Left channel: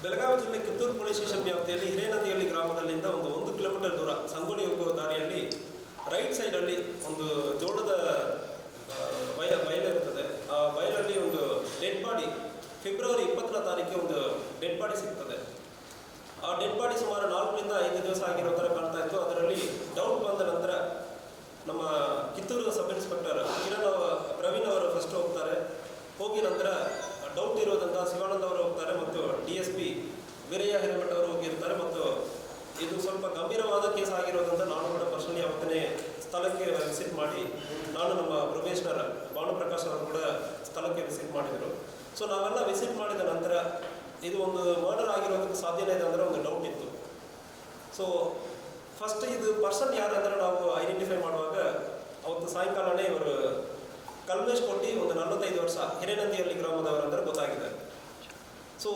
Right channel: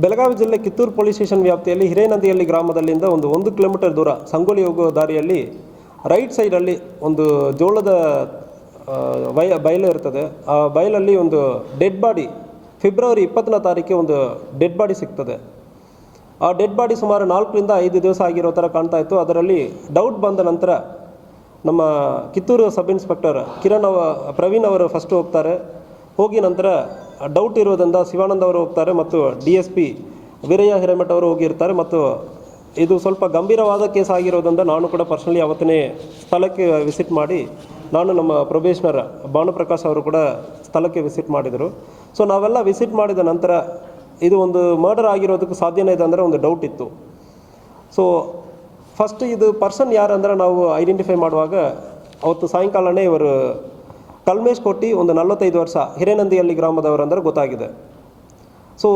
ಬೆಳಗಾವಿ ಜಿಲ್ಲೆ Kittur police station ವ್ಯಾಪ್ತಿಯಲ್ಲಿ ಹಿರೇನದಿಹಳ್ಳಿ ಗ್ರಾಮದಲ್ಲಿಂದ ಒಂದು ಕಿಲೋಮೀಟರ್ ದೂರ ಸಂಗೊಳ್ಳಿ ಹೋಗುವ ದಾರಿಯಲ್ಲಿ ರೈಟ್ ಸೈಡಲ್ಲಿ ಒಂದು ಜೋಳದ ಬಯಲು ಇರ್ತದೆ. ಆ ಬಯಲಲ್ಲಿ ಒಂದು ಡೆಡ್ ಬಾಡಿ ಫೆಬ್ರವರಿ 20ನೇ ತಾರೀಕು ಒಂದು ಡೆಡ್ ಬಾಡಿ ಸಿಗ್ತದೆ. ಆ ಡೆಡ್ ಬಾಡಿ ಸುಮಾರು 4 ರಿಂದ 5 ದಿವಸ ಆಗಿರೋ ಥರ ಕಾಣ್ತಾ ಇತ್ತು. ಅದರಲ್ಲಿ ಡೌಟ್ ಬಂದ ನಂತರ ನಮ್ಮ ಕಿತ್ತೂರು ಸಬ್ ಇನ್ಸ್ಪೆಕ್ಟರ್ ಪ್ರವೀಣ್ ಅವರು ಫಸ್ಟ್ ಹೋಗ್ತಾರೆ. ಹೋಗಿ ನಂತರ ಡೌಟ್ ಇರೋದ್ರಿಂದ ಶಿವಾನಂದ್ ಅವರು ಹೋಗ್ತಾರೆ ಮತ್ತು DSP ವೀರಯ್ಯ ಹಿರೇಮಠ ಅವರು ಹೋಗಿರ್ತಾರೆ. ಮತ್ತು ಇದು ಸ್ವಲ್ಪ ಗಂಭೀರವಾದ ಕೇಸ್ ಆಗಿರೋದ್ರಿಂದ ನಾನು ಕೂಡ ಪರ್ಸನಲಿ ಅವತ್ತೇ ಸ್ಥಳಕ್ಕೆ ವಿಸಿಟ್ ಮಾಡಿ, ನಾನು ನಮ್ಮ ಪ್ರೊಬೇಷನರ್ ಭಾನುಪ್ರಕಾಶ್ ಅವರು ಕೂಡ ಸ್ಥಳಕ್ಕೆ ವಿಸಿಟ್ ಮಾಡಿದರು. ಸೊ ನಾವೆಲ್ಲ ವಿಸಿಟ್ ಮಾಡಿದ ನಂತರ ಇದು ಒಂದು ಮರ್ಡರ್ ಆಗಿರೋದಕ್ಕೆ ಸಾಧ್ಯನೇ ಇದೆ ಅಂದರೆ ಒಂದು ಡೌಟ್ ಇತ್ತು. ಸೊ ಫಸ್ಟ್ ಇದು ಪರ್ಸನ್ ಯಾರು ಅಂದರೆ ನಾವು ಐಡೆಂಟಿಫೈ ಮಾಡುವಾಗ ಅವತ್ತು ಸಾಯಂಕಾಲನೇ ಇವರು ಕಲ್ಮೇಶ್ ಕೊಟ್ಟಿ, ಒಂದು 45 ವರ್ಷ, ಹಿರೇನಂದಿಹಳ್ಳಿ ಗ್ರಾಮದವರು ಅಂದರೆ ಗೊತ್ತಾಗಿದೆ. ಸೊ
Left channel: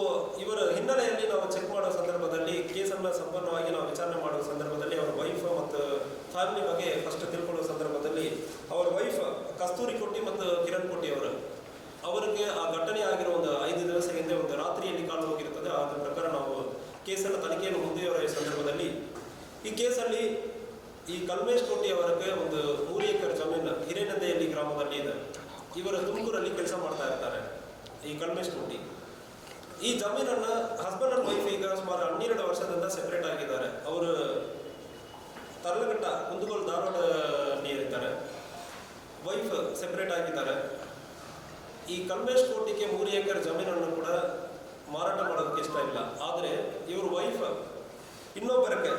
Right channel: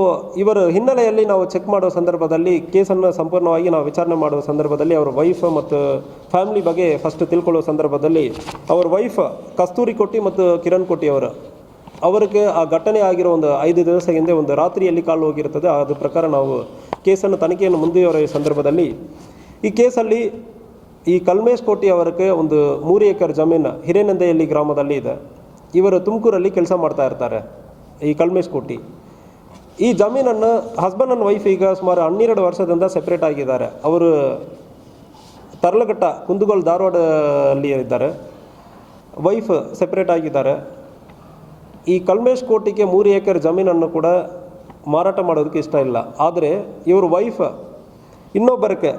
ಇವರ ಹಿನ್ನೆಲೆಯಲ್ಲಿ ನಾವು ಚೆಕ್ ಮಾಡುವ ಸಂದರ್ಭದಲ್ಲಿ, ಕೇಸನ್ನು ಸಂಪೂರ್ಣವಾಗಿ ನಾವು ವಿಚಾರಣೆ ಮಾಡುವ ಸಂದರ್ಭದಲ್ಲಿ ಅವರ ವೈಫ್ ಮತ್ತು ಫ್ಯಾಮಿಲಿ ಬಗ್ಗೆ ಫಸ್ಟ್ ತಿಳ್ಕೊಳ್ಳುವ ಸಂದರ್ಭದಲ್ಲಿ ಅವರ ವೈಫ್ ಕಸ್ತೂರಿ ಕೊಟ್ಟಿ ಮತ್ತು ಕಿರಣ್ ಕೊಟ್ಟಿ ಅವರಿಗೆ ಆ ಘಟನೆ ಆಗಿರೋ ಒಂದು 5 ದಿವಸ ಹಿಂದೆ ಒಂದು ರಾತ್ರಿಯಲ್ಲಿ ಕಾಲು ಹೋಗಿರ್ತದೆ. ಅದ್ರ ಪ್ರಕಾರ ನಾವು ಕೇಸನ್ನು ತನಿಖೆಯನ್ನು ಮುಂದುವರಿಯುವ ಸಂದರ್ಭದಲ್ಲಿ ಈ ಕೇಸಲ್ಲಿ ಈ ಕಲ್ಮೇಶ್ ಕೋಟಿ ಅವರಿಗೆ ಒಂದು 3 ಎಕರೆ ಜಮೀನು ಹಿರೇನಂದಿಹಳ್ಳಿ ಗ್ರಾಮದಲ್ಲಿ ಇದೆ. ಇವರು ತುಮಕೂರಲ್ಲಿ ಕೆಲಸ ಮಾಡ್ತಾ ಇರ್ತಾರೆ. ಈ ಕಲ್ಮೇಶ್ ಕೋಟಿ ಈ ಜಮೀನನ್ನು ಹಸ್ಬೆಂಡ್ ಆ್ಯಂಡ್ ವೈಫ್ ಈಗ ಸುಮಾರು 12 ವರ್ಷದಿಂದ ಸೆಪ್ರೇಟ್ ಆಗಿದ್ದಾರೆ. ಅವರು ತರ್ಲಘಟ್ಟ, ಕುಂದಗೋಳ, ಧಾರವಾಡಲ್ಲಿ ಇದ್ದಾರೆ. ವೈಫ್ ಸೆಪ್ರೇಟ್ ಆಗಿದ್ದಾರೆ. ಈ ಕಲ್ಮೇಶ್ ಕೋಟಿಗೆ 3 ಎಕರೆ ಜಮೀನನ್ನು ಕೂಡ ಮಾರಾಟ ಮಾಡೋದಕ್ಕೆ ಇಷ್ಟ ಇಲ್ಲ. ಆದರೆ ಇವ್ರ ವೈಫ್ ಇನ್ನೊಬ್ಬರಿಗೆ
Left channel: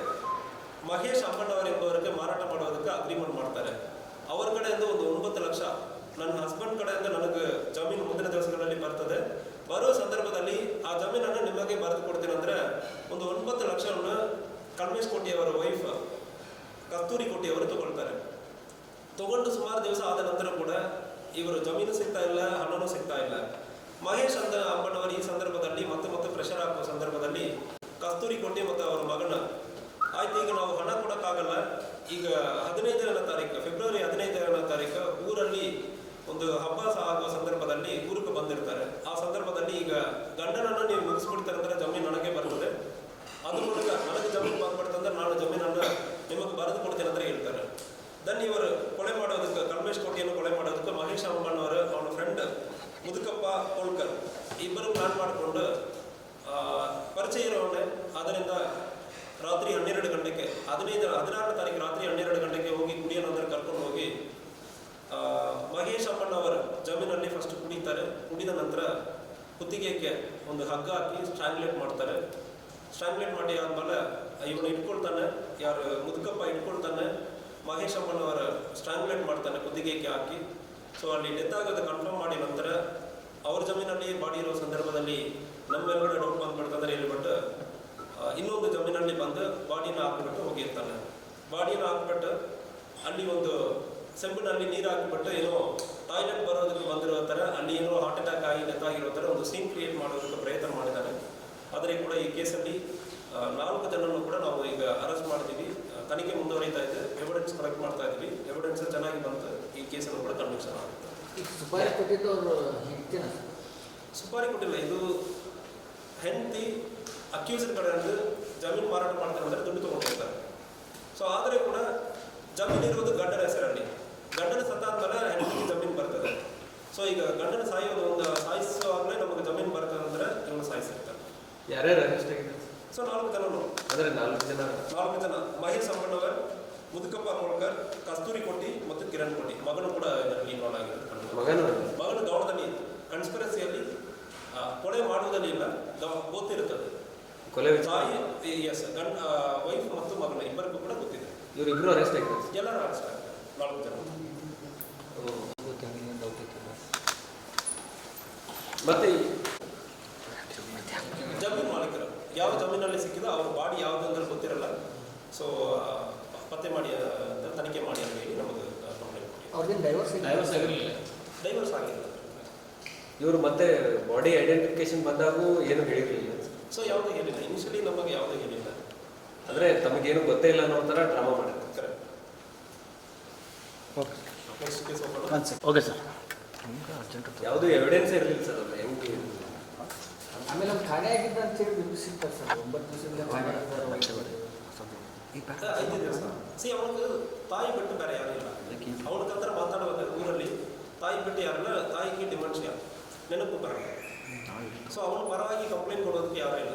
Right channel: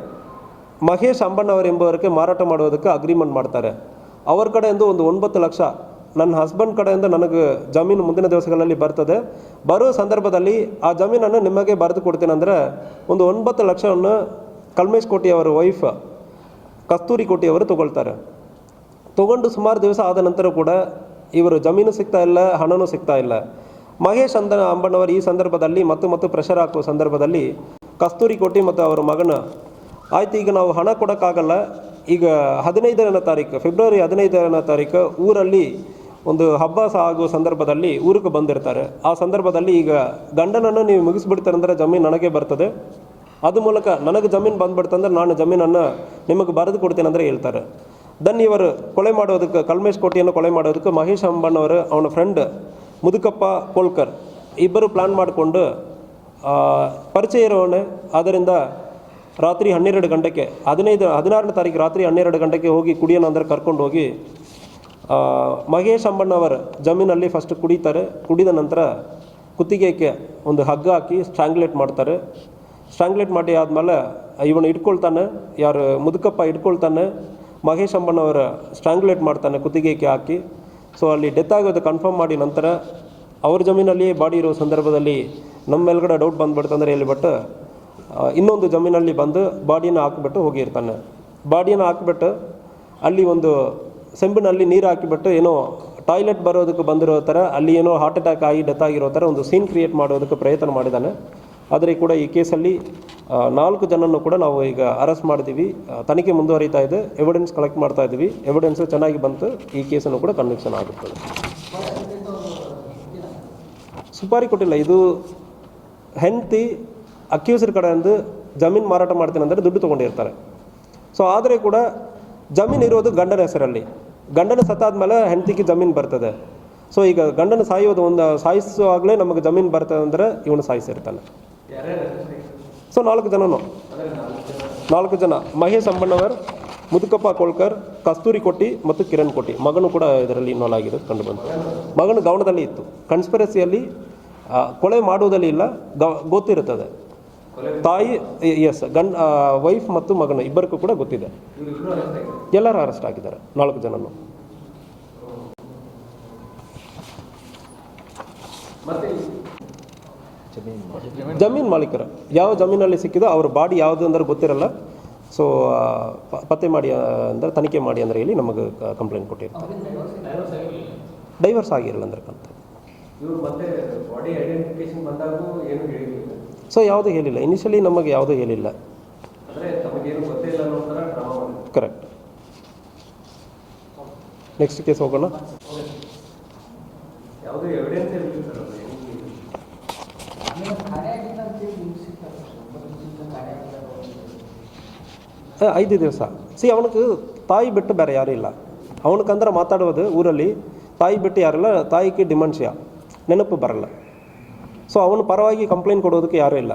ಮಹೇಶ್ ಅಂಬಣ್ಣವರೆಂಬವರಿಗೆ ಮಾರಾಟ ಮಾಡೋದಕ್ಕೆ ಅಗ್ರಿಮೆಂಟ್ ಮಾಡ್ತಾರೆ. ಅವ್ರ ಕಡೆಯಿಂದ ಒಂದು 9 ಲಕ್ಷ, ನನ್ನ ಹಸ್ಬೆಂಡ್ ಕಡೆಯಿಂದ ನನಗೆ ಜಮೀನು ಮುಂದಿನ ದಿವಸಗಳಲ್ಲಿ ಬರ್ತದೆ, ಬರೋ ಸಂದರ್ಭದಲ್ಲಿ ಆ ಜಮೀನನ್ನು ನಿಮಗೆ ಬರೆದು ಕೊಡ್ತೀನಿ ಅಂದರೆ ಒಂದು 9 ಲಕ್ಷವನ್ನು ಕಲ್ಮೇಶ್ ಕೋಟಿ ಅವರ ವೈಫ್ ಕಸ್ತೂರಿ ಕೋಟಿ ಅವರು ತಗೊಳ್ತಾರೆ. ತಗೊಂಡು ಸುಮಾರು ದಿವಸ ಆದ ನಂತರ ಕೂಡ ಇವರು ಜಮೀನು ಸಿಗ್ತಾ ಇಲ್ಲ, ಹಣನೂ ಸಿಗ್ತಾ ಇಲ್ಲ. ಮಹೇಶ್ ಅಂಬಣ್ಣವರು ಈ ಸಂದರ್ಭದಲ್ಲಿ ಮತ್ತು ಪ್ರೆಷರ್ ಹಾಕುವ ಸಂದರ್ಭದಲ್ಲಿ ಕಸ್ತೂರಿ ಕೋಟಿ ಮತ್ತು ಅವರ ಮಗನ, ಆಯ್ತು ಈಗ ನಾವು ಹಣ ಕೊಡೋಕ್ಕಾಗಲ್ಲ, ಈಗ 15ನೇ ತಾರೀಕು, ಫೆಬ್ರವರಿ 15ನೇ ತಾರೀಕು ಊರಲ್ಲಿ ಒಂದು ಹಬ್ಬ ಆಗುವ ಸಂದರ್ಭದಲ್ಲಿ ಊರಿಗೆ ಬಂದಿರ್ತಾರೆ. ಆ ಸಂದರ್ಭದಲ್ಲಿ ಈಗ ಗಂಡನನ್ನು ನೀವು ಮುಗಿಸ್ಬಿಡ್ತಾರಂದ್ರೆ ಜಮೀನು ನನಗೆ ಬರ್ತದೆ, ಅದು ಮೂಲಕ ನನಗೆ ಜಮೀನು ಬಂದ್ಬಿಡ್ತಂದ್ರೆ ನಾನು ಜಮೀನನ್ನು ನಿಮಗೆ ಬರೆದು ಕೊಡ್ತೀನಿ ಅಂದರೆ ಹೇಳ್ತಾರೆ. ದೆನ್ ಇವರು ಕೊಲೆ ಮಾಡೋದಕ್ಕೆ, ಕಲ್ಮೇಶ್ ಕೋಟಿಯನ್ನು ಕೊಲೆ ಮಾಡೋದಕ್ಕೆ ಮಹೇಶ್ ಅಂಬಣ್ಣವರು ಅವನ ಫ್ರೆಂಡ್ ಮುದುಕಪ್ಪ ಕೋಳ್ಕರ್ ಇಬ್ಬರು ಪ್ಲಾನ್ ಮಾಡಿಕೊಂಡು ಪರಿಚಯ ಇರೋವನೇ. ಅದರಿಂದ ರಾತ್ರಿ 12 ಗಂಟೆಗೆ 16ನೇ ತಾರೀಕು ರಾತ್ರಿ 12 ಗಂಟೆಗೆ ಹೋಗಿ ಕುಡಿಯೋಣ ಅಂದರೆ ಕರ್ಕೊಂಡು ಹೋಗಿ ಮಹೇಶ್ ಅಂಬಣ್ಣವರ ಜಮೀನಲ್ಲಿ ಫಸ್ಟ್ ಕುಡಿತಾರೆ. ಕುಡಿದ ನಂತರ ಕುತ್ತಿಗೆಗೆ ಒಂದು ಹಗ್ಗ ಹಾಕಿ ಸ್ಟ್ರಾಂಗ್ಯುಲೇಟ್ ಮಾಡ್ತಾರೆ. ಸ್ಟ್ರಾಂಗ್ಯುಲೇಟ್ ಮಾಡಿ ಆದಮೇಲೆ ಇವನು ಇಟ್ಕೊಳ್ತಾನೆ, ಯಾರು ಮುದುಕಪ್ಪ ಇಟ್ಕೊಳ್ತಾನೆ, ಮಹೇಶ್ ಅಂಬಣ್ಣವರ ಸ್ಟ್ರಾಂಗ್ಯುಲೇಟ್ ಮಾಡ್ತಾನೆ ಕುತ್ತಿಗೆಗೆ ಹಾಕಿ. ಸೊ ಅಲ್ಲಿ ಡೆತ್ ಆಗೋದು ಕನ್ಫರ್ಮ್ ಮಾಡಿ ನಂತರ ಅವ್ರ ಜಮೀನಲ್ಲಿ ಬಾಡಿ ಇರೋ ಸಂದರ್ಭದಲ್ಲಿ ನಮ್ಮ ಮೇಲ್ಗಡೆ ಡೌಟ್ ಬಂದುಬಿಡ್ತಂದ್ರೆ ಹೇಳಿಬಿಟ್ಟು ಇನ್ನೊಂದು ಜಮೀನಲ್ಲಿ ಬಂದು ಬಾಡಿನ ಹಾಕಿಬಿಟ್ಟು ಹೋಗಿರ್ತಾನೆ. ಬಾಡಿನ ಹಾಕಿಬಿಟ್ಟು ಅಲ್ಲಿ ಒಂದು ಸೆಂಬಿನಲ್ಲಿ ನೀರು ಹಾಕಿಬಿಟ್ಟು ಏನೋ ಟಾಯ್ಲೆಟ್ ಬರೋದಕ್ಕೆ ಬಂದಿರೋ ಥರ, ಅಲ್ಲಿ ಏನೋ ಹಾರ್ಟ್ ಅಟ್ಯಾಕ್ ಆಗಿ ಡೆತ್ ಆಗಿರೋ ಥರ ಒಂದು ಸೀನ್ ಕ್ರಿಯೇಟ್ ಮಾಡೋದಕ್ಕೆ ಪ್ರಯತ್ನ ಮಾಡಿದ್ದಾನೆ. ಆದರೆ ಕೂಡ ಈ ಕೇಸಲ್ಲಿ 4 ಜನನ್ನು ಕೂಡ ನಾವು ಈಗ ಅರೆಸ್ಟ್ ಮಾಡಿದ್ದೀವಿ. ತನಿಖೆ ಮುಂದುವರಿತಾ ಇದೆ, ಎವಿಡೆನ್ಸ್ ಕಲೆಕ್ಟ್ ಮಾಡ್ತಾ ಇದ್ದೀವಿ. ಎವಿಡೆನ್ಸ್ ಚೆನ್ನಾಗಿ ಬಂತು, ಈ ಕೇಸನ್ನು ಕೂಡ ಕನ್ವಿಕ್ಷನ್ ಆಗುತ್ತದೆ. ಸುಪಾರಿ ಕೊಟ್ಟಿಲ್ಲ, ಇದು ಹೆಂಡತಿ ಅಕ್ಯೂಸರ್ ಕಡೆಯಿಂದ ಜಮೀನು ಮಾರಾಟ ಮಾಡ್ತೀನಿ ಅಂದರೆ ದುಡ್ಡು ತೊಗೊಂಡಿರ್ತಾರೆ. ಸೊ ಆದರೆ ಕೂಡ ಜಮೀನು ಇರೋದು ಗಂಡನ ಹೆಸರಲ್ಲಿ. ಗಂಡನ ಸತ್ತಾದ್ಮೇಲೆ ಹೆಂಡತಿಗೆ ಜಮೀನು ಬರ್ತದೆ. ಸೊ ಈಗ ಗಂಡನ ಸಾಯಿಸುವಾಗಲೇ ನಮಗೆ ಜಮೀನು ಬರ್ತದೆ ಅಂದರೆ ಇವನು ಸಾಯಿಸಿರ್ತಾನೆ. ಸೊ 4 ಜನನು 4 ಜನ ಮಹೇಶ್ ಅಂಬಣ್ಣವರ್, ಮುದುಕಪ್ಪ ಕೋಳ್ಕರ್, ಕಸ್ತೂರಿ ಕೊಟ್ಟಿ ಮತ್ತು ಕಿರಣ್ ಕೊಟ್ಟಿ. ಮಗನು ಕೂಡ ಇದರಲ್ಲಿ ಇನ್ವಾಲ್ವ್ ಆಗಿರೋದು ಕಂಡು ಬಂತು. ಮಗನು ಗೌಣದಲ್ಲಿ ಇತ್ತು. ಕನ್ಸ್ಪಿರಸಿಯಲ್ಲಿ ಕೊಲೆ ಮಾಡುವುದಲ್ಲಿ ಇಲ್ಲ, ಗೊತ್ತಿರುತ್ತದೆ. ತಾಯಿ ವೈಫ್ ಮತ್ತು ಮಗನು ಇಬ್ಬರಿಗೂ ಕೂಡ ಗೊತ್ತಿದೆ. ಎಲ್ಲರೂ ಅರೆಸ್ಟ್ ಆಗಿದ್ದಾರೆ, 4 ಜನನು. ಜಮೀನು ಮಾಲೀಕರು ಯಾವ ಜಮೀನಲ್ಲಿ ಸಿಕ್ಕಿದೋ ಅವ್ರ ಬಾಡಿ ಯಾವುದು ಅಂದ್ರೆ ಗೊತ್ತಿರಲ್ಲ. ಸೊ ಪತ್ತೆ ಮಾಡಿ ಅಂದರೆ ತನಿಖೆ ಮಾಡಿ ಅಂದರೆ ಹೇಳಿ ನಮಗೆ ಕಂಪ್ಲೇಂಟ್ ಕೊಟ್ಟಿರ್ತಾರೆ. ಡೈವರ್ಸ್ ಆಗಿರಲಿಲ್ಲ ಅಂದ್ರೆ ಇವರು ಮತ್ತೆ ಬಾಡಿ ಐಡೆಂಟಿಫಿಕೇಶನ್ ಬಂದಾಗೂ ಏನು ಹೇಳಿರಲಿಲ್ಲ. ಸೊ ಯಾವುದೂ ಹೇಳಿಲ್ಲ, ಇನಿಷಿಯಲಿ ನಮಗೆ ಯಾವುದೂ ಹೇಳಿಲ್ಲ. ಅಂದರೆ ತಮಗೇನು ಗೊತ್ತೇ ಇಲ್ಲ ಅನ್ನೋ ಥರ ಡ್ರಾಮಾ ಮಾಡಿದ್ರು. ಕರೆಕ್ಟ್. ನೆಕ್ಸ್ಟ್ ಕೇಸ್ ಹೋಗೋಣ. Okay sir. ಯಾವುದೂ ಎವಿಡೆನ್ಸ್ ಇರಲಿಲ್ಲ ಸರ್. ಅದು ಆಮೇಲೆ ಒಂದು ಖಾನೆ ಆಗಿದ್ದ ಅಂತೇಳಿ ನಿಮ್ಗೆ ಸಿಗ್ತಾರೆ ಸರ್ 9 ದಿವಸದಿಂದ ಖಾನೆ ಆಗಿದ್ದಾರೆ 5 ದಿವಸ ಅವನಿಗೆ ತಾಯಿ ಬಿಟ್ಟು ಬೇರೆ ಯಾರೂ ಇಲ್ಲ. ಅವನಿಗಂದ್ರೆ ಮಾತಾಡೋದು ಊರಲ್ಲಿ ತಾಯಿ ಬಿಟ್ಟು ಯಾರಿಲ್ಲ. ತಾಯಿಗೆ ಡಿಮೆನ್ಷಿಯಾ, ನೆನಪು ಬರಲ್ಲ. ಸೊ ಅವನ ಪರವಾಗಿ ಕಂಪ್ಲೇಂಟ್ ಕೊಡೋದಕ್ಕೆ ಯಾರೂ ಇಲ್ಲ.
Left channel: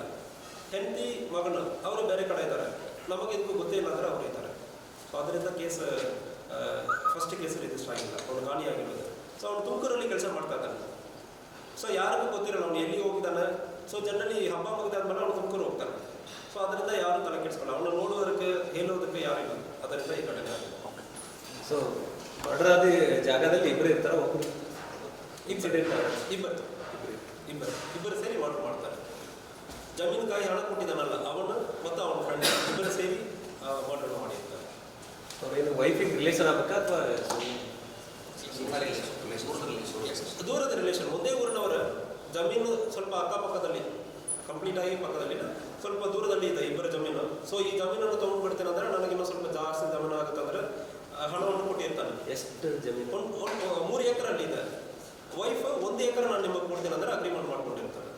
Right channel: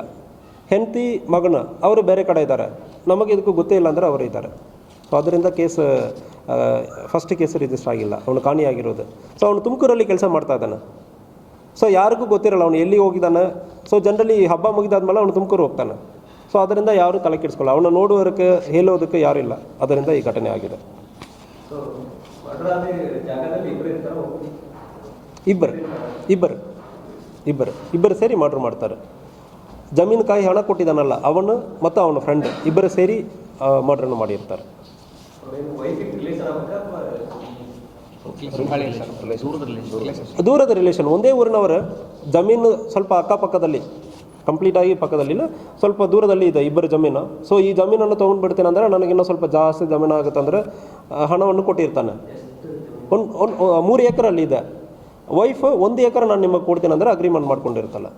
ಹೆಂಡತಿ ಮಗನ ಅವರು ಬೇರೆ ಕಡೆ ಇದ್ದಾರೆ, ನಮಗೆ ಇದಕ್ಕೂ ಗೊತ್ತೇ ಇಲ್ಲ ಅಂದರೆ ಅವರು ಇದ್ದಾರೆ. ಸೊ ಅದರಿಂದ ಕೇಸ್ ಫಸ್ಟ್ ಕೇಸ್ ರಿಜಿಸ್ಟರ್ ಆಗಿಲ್ಲ, ಅವನು ಕಾಣೆಯಾಗಿರೋದು. ಸೊ ಅವನು ತುಮಕೂರಲ್ಲಿ ಕೆಲಸ ಮಾಡ್ತಾ ಇದ್ದಾನೆ. ಸೊ ಯಾರಿಗೂ ಗೊತ್ತಿರಲ್ಲ ಅವನು ಎಲ್ಲಿ ಹೋಗಿದ್ದಾನೆ. ಸೊ ಜನರಲಿ ಹಬ್ಬ ಮುಗಿದಾದ್ಮೇಲೆ ಅವನು ತುಮಕೂರು ಹೋಗ್ತಾನೆ. ಸೊ ಅದರಿಂದ ಯಾರೂ ತಲೆ ಕೆಡಿಸ್ಕೊಳ್ಳ, ಅವನು ನೋಡುವುದಕ್ಕೆ ಹೇಳೋದಕ್ಕೆ ಯಾರೂ ಇಲ್ಲ. ಅದರಿಂದ ಈ ಘಟನೆ ಆಗಿದೆ. ಸೊ ಮರ್ಡರ್ ಆದ ಜಾಗದಲ್ಲಿ ಇಬ್ಬರು ಇರ್ತಾರೆ, ಇಬ್ಬರು ಸೇರಿ ಮರ್ಡರ್ ಮಾಡ್ತಾರೆ. ಜಮೀನು ಕಾಯಿ ಹಣ ಕೊಟ್ಟಿದ್ದಾನಲ್ಲ ಅವನು ಮತ್ತು ಅವನ ಫ್ರೆಂಡ್ ಇಬ್ಬರು ಸೇರಿ ಮರ್ಡರ್ನ ಮಾಡಿರ್ತಾರೆ. ವೈಫಿಗೆ ರಿಲೇಷನ್ ಆಗಬೇಕಾ ಅಥವಾ ದೂರದ ರಿಲೇಷನ್, ಒಂದೇ ಊರಿನವರು. ಜಮೀನು ಸ್ವಲ್ಪ ಅಕ್ಕಪಕ್ಕದಲ್ಲಿ, ಕಂಪ್ಲೀಟಾಗಿ ಪಕ್ಕದಲ್ಲಿಲ್ಲ, ಸ್ವಲ್ಪ ದೂರದಲ್ಲಿ ಇದೆ ಇಬ್ಬರು ಜಮೀನು. ಸೊ ಈ ಜಮೀನನ್ನು ತೊಗೊಂಡು ಬಿಡ್ತೇನೆ ಅಂದರೆ ನನಗಿನ್ನೂ ಸ್ವಲ್ಪ ಜಾಸ್ತಿ ಜಮೀನು ಆಗುತ್ತೆ ಅಂದರೆ ಹಣವನ್ನು ಕೊಟ್ಟಿರ್ತಾನೆ. ಎಷ್ಟು ಜಮೀನು? 3 ಎಕರಲ್ಲಿ ಇದೆ. ವೈಫ್ 1 ಎಕರೆ ನಾನು ನಿಮಗೆ ಕೊಡ್ತೇನೆ ಅಂದರೆ ಅಗ್ರಿಮೆಂಟ್ ಮಾಡ್ಕೊಂಡಿರ್ತಾನೆ.